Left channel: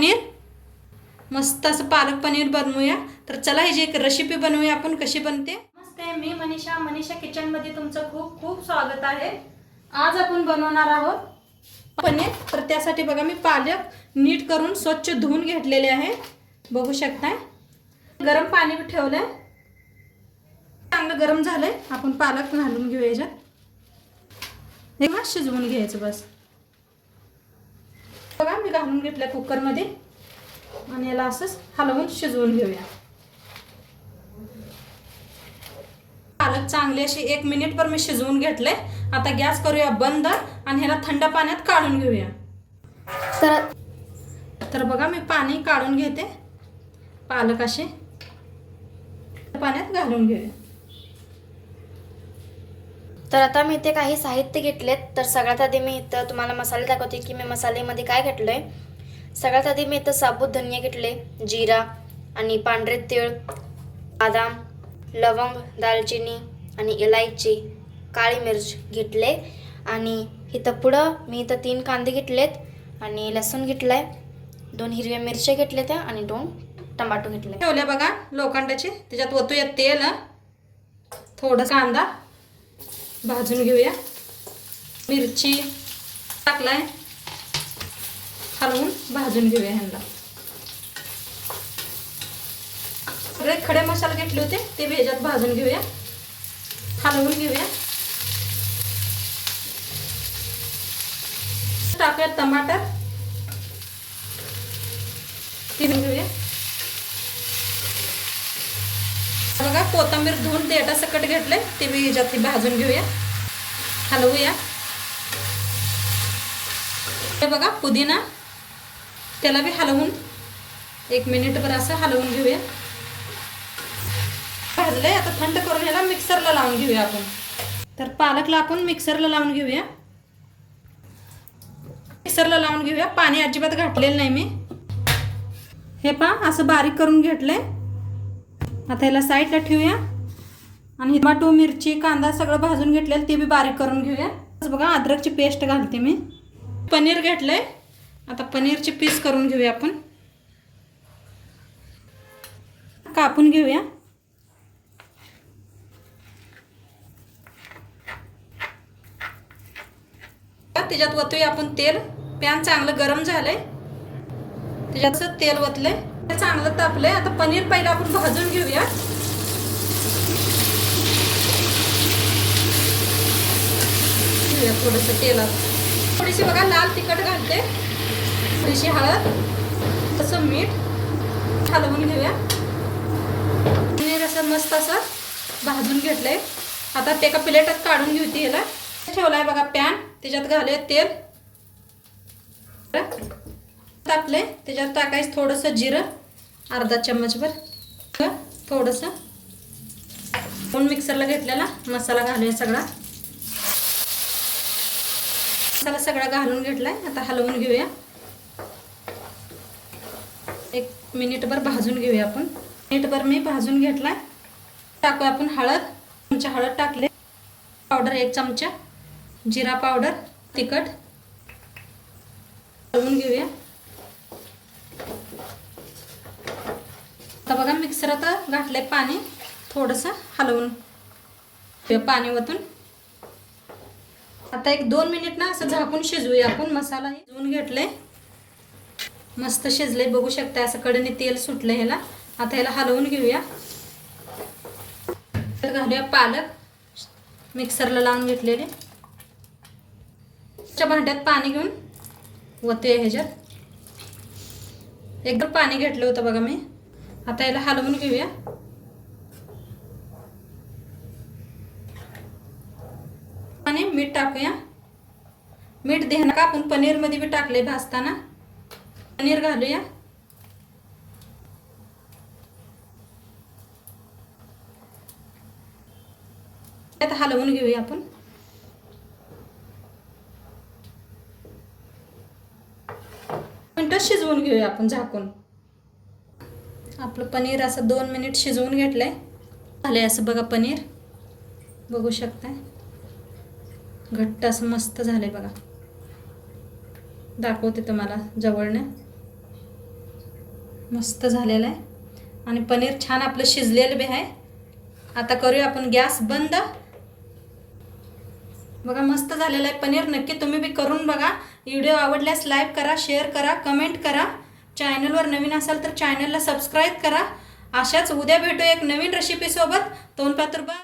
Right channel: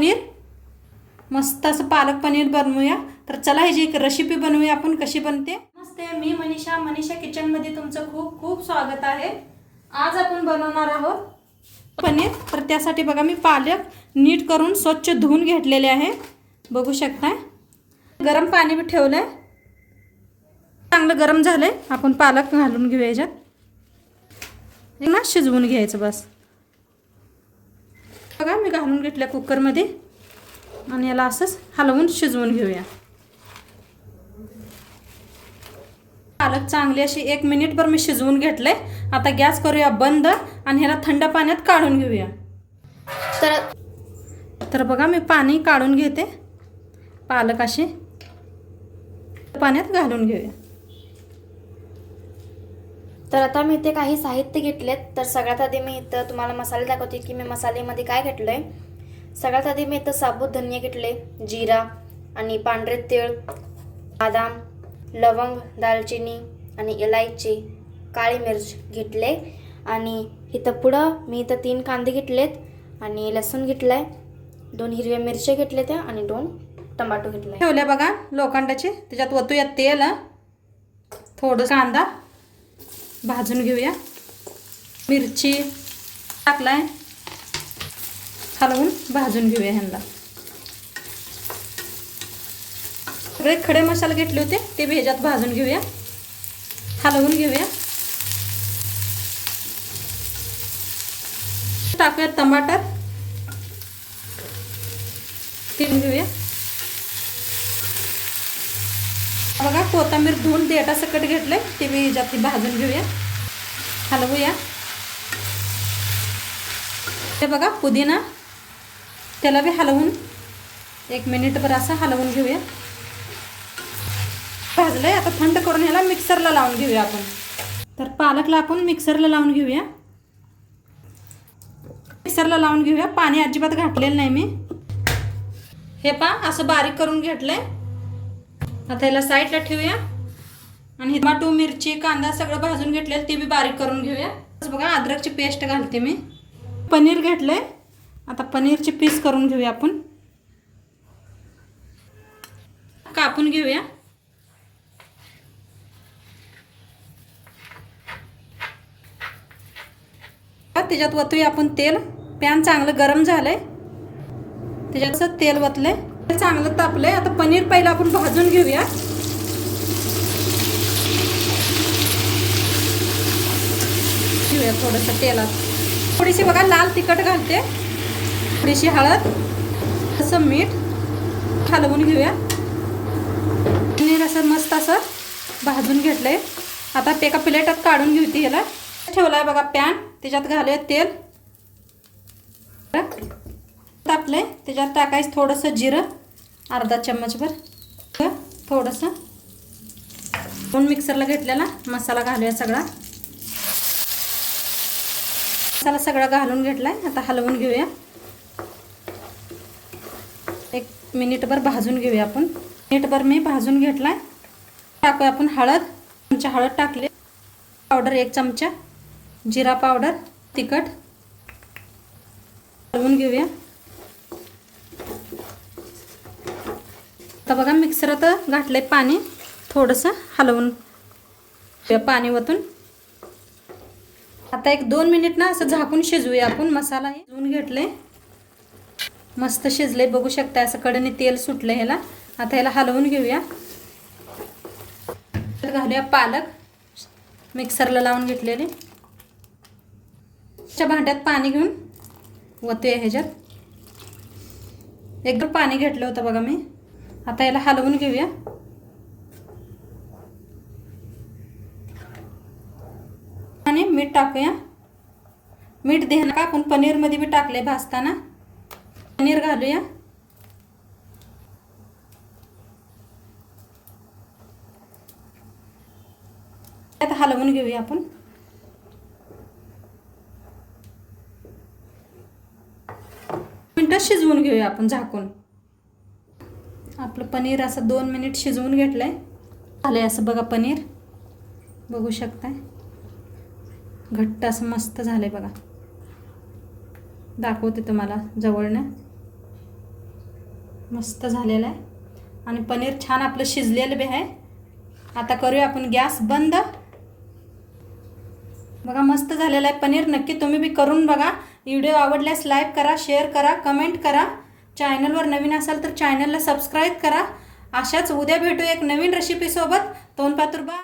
पनीर, मस्त असं पालक पनीर बनवूया. तर चला ह्याची एक रेसिपी बनवूया आपण, कशी बनते. नमस्ते, मी मनीषा किचनमध्ये तुमचं खूप खूप स्वागत आहे. आज आपण बनवणार आहोत पनीर. तर त्यासाठी बघा मी पालक नीट करून स्वच्छ धुवून घेतलेले आहे, बघू शकता. गरम पाणी भी ठेवलंय, चांगलं गरम झालंय. आपण पालक घालून घेऊया याच्यात, हे ना शिजवून घ्यायचं बस. बघा मी घालून घेतल्या कुकरमध्ये आणि याला असंच हलवून शिजवून घेऊया. पालक चांगली अशी 1 मिनिटभर मी शिजवून घेतले. आता गॅस करूया बंद आणि ह्याला थंड पाण्यात काढून घेऊया. तर बघा मी पाणी काढून घेते, पालक असे पाण्यात घालून घेऊया. तर आता मी इथे काही साहित्य घेतलेत. तर सगळ्यात आधी मी इथं तुम्हाला मसाले दाखवते की मी मसाल्यामध्ये काय घेतलंय. सगळ्यात आधी मी इथं साबूत धनिया घेतले, जिरा आणि पांढरे तीळ, बदाम, लवंग, दालचिनी आणि इलायची, काळी मिर्च घेतले. आणि इथं पुढं मी इथं 3 कांदे घेतलेत आणि लसूण घेतलाय, 2 हिरव्या मिरच्या घेतल्या त्या आणि 2 टमाटो घेतले ठेवले बघा लोखंडाचे. त्याच्यात ओतूया तेल, थोडं कांदा भाजून घेऊया, मिरची टाकलाय, हलवून भाजून घेऊया. ह्यांना सगळे खडे मसाले घेतले होते ते भी ह्याच्यात भाजून घेऊया, हलवून घेऊया. टाकूया टमाटर, तीन घेऊया. बघा कोथिंबीर धुवून देठा सकट घेतले ते मी ह्याच्यात भाजून घेऊया, हलवूया. हे बघा पुदिना, त्याला भी हलवून 1 मिनिटभर असं हलवून घेऊया. भाजलंय, आता थंड करून ह्याला मिक्सरला लावून घेऊया आपण. तर पालकला आपण मिक्सरला लावून घेऊया, मिक्सरला लावून घेऊया. पाणी अजिबात घातलेलं नाही मी. हे पहा असं बारीक करून घेतलंय. आता ह्याला साईडला ठेवूया आणि टमाटो, मिरची, कांदा सगळं भाजून घेतलेलं ते बी बारीक करून घेऊया. बघा अद्रकची पेस्ट घालते मी. पनीर घेतलंय, आता पनीरचे पीस करून घेऊया आपण, कापून घेऊया. त्याच्यात ओतूया आपण तेल. पॅन चांगलं गरम झालंय, त्याच्यात तेल ओतलंय, चांगलं तापलंय. आता पनीर पहिला आपण भाजून घेऊया. थोडंसं तेलात थोडीशी बघा लाल तिखट घालते, थोडीशी हळद, तसं मीठ, हलवून घेऊया. पनीर असं मस्त असं भाजून घेतलंय. आता ते एका प्लेटात काढून घेऊते. ह्याला ठेवलाय बघा पॅन, त्याच्यात घालूया तेल, टाकले. त्याच्यात टाकायचं थोडंसं जिरं, अर्धा चम्मचभर, थोडंसं आपण मिक्सरला घेतलेला मसाला घालूया. सगळा मसाला सगळा घालून घेतलाय. आता हलवून घेऊया, 1 मिनिटभर भाजून घेऊया आपण. मिनिटभर मी भाजून घेतलाय. टाकूया आपण हळद, चमचा हळद टाकले, पावडर 1 चमचा, जिरा पावडर, तिखट, हलवून घेऊया. आता बघा मिक्सरात घातलंय पाणी, थोडंसं हलवून पाणी वतून. आता 1-2 मिनिट ना असं झाकून शिजवूया आपण. मसाला हे शिजवून घेतले, मस्त शिजले, बघू शकता. असं कडेने तेल सुटले ह्याला. आता ह्याला हलवून घेऊया. तर घालूया पालक मिक्सरला लावून घेतलेले. भांड्यात पाणी घेऊन ओतूया ह्याच्यात. एकदम पाणी घेतलं होतं बघा मी. आता याला हलवून घेऊया. आणि मीठ टाकूया. मीठ देणं का आपण पनीर मध्ये बी टाकले भाजताना. पनीर घालूया. आता हलवून घेऊया आपण. मिनिटं शिजवून घेऊया आपण झाकून. आपलं पनीर असं 2 मिनिट शिजवून घेतलंय. झालंय असं बघा पनीर, बघू शकताय. घट्ट असं मस्त झालंय बघा. दाखवते तुम्हाला जवळने. मस्त झालेलं आहे आणि पनीर छान आपलं शिजलेलं बी आहे. आता करूया आपण गॅस बंद. बघा मस्त झालेलं आहे पनीर. नक्की तुम्ही बी करून बघा. व्हिडिओ आवडल्यास लाईक करा, शेअर करा, कमेंट करा. चॅनलवर नवीन असाल तर चॅनलला सबस्क्राईब करा. अशाच उद्या भेटू एक नवीन रेसिपीसोबत. तोंडपात्र बा.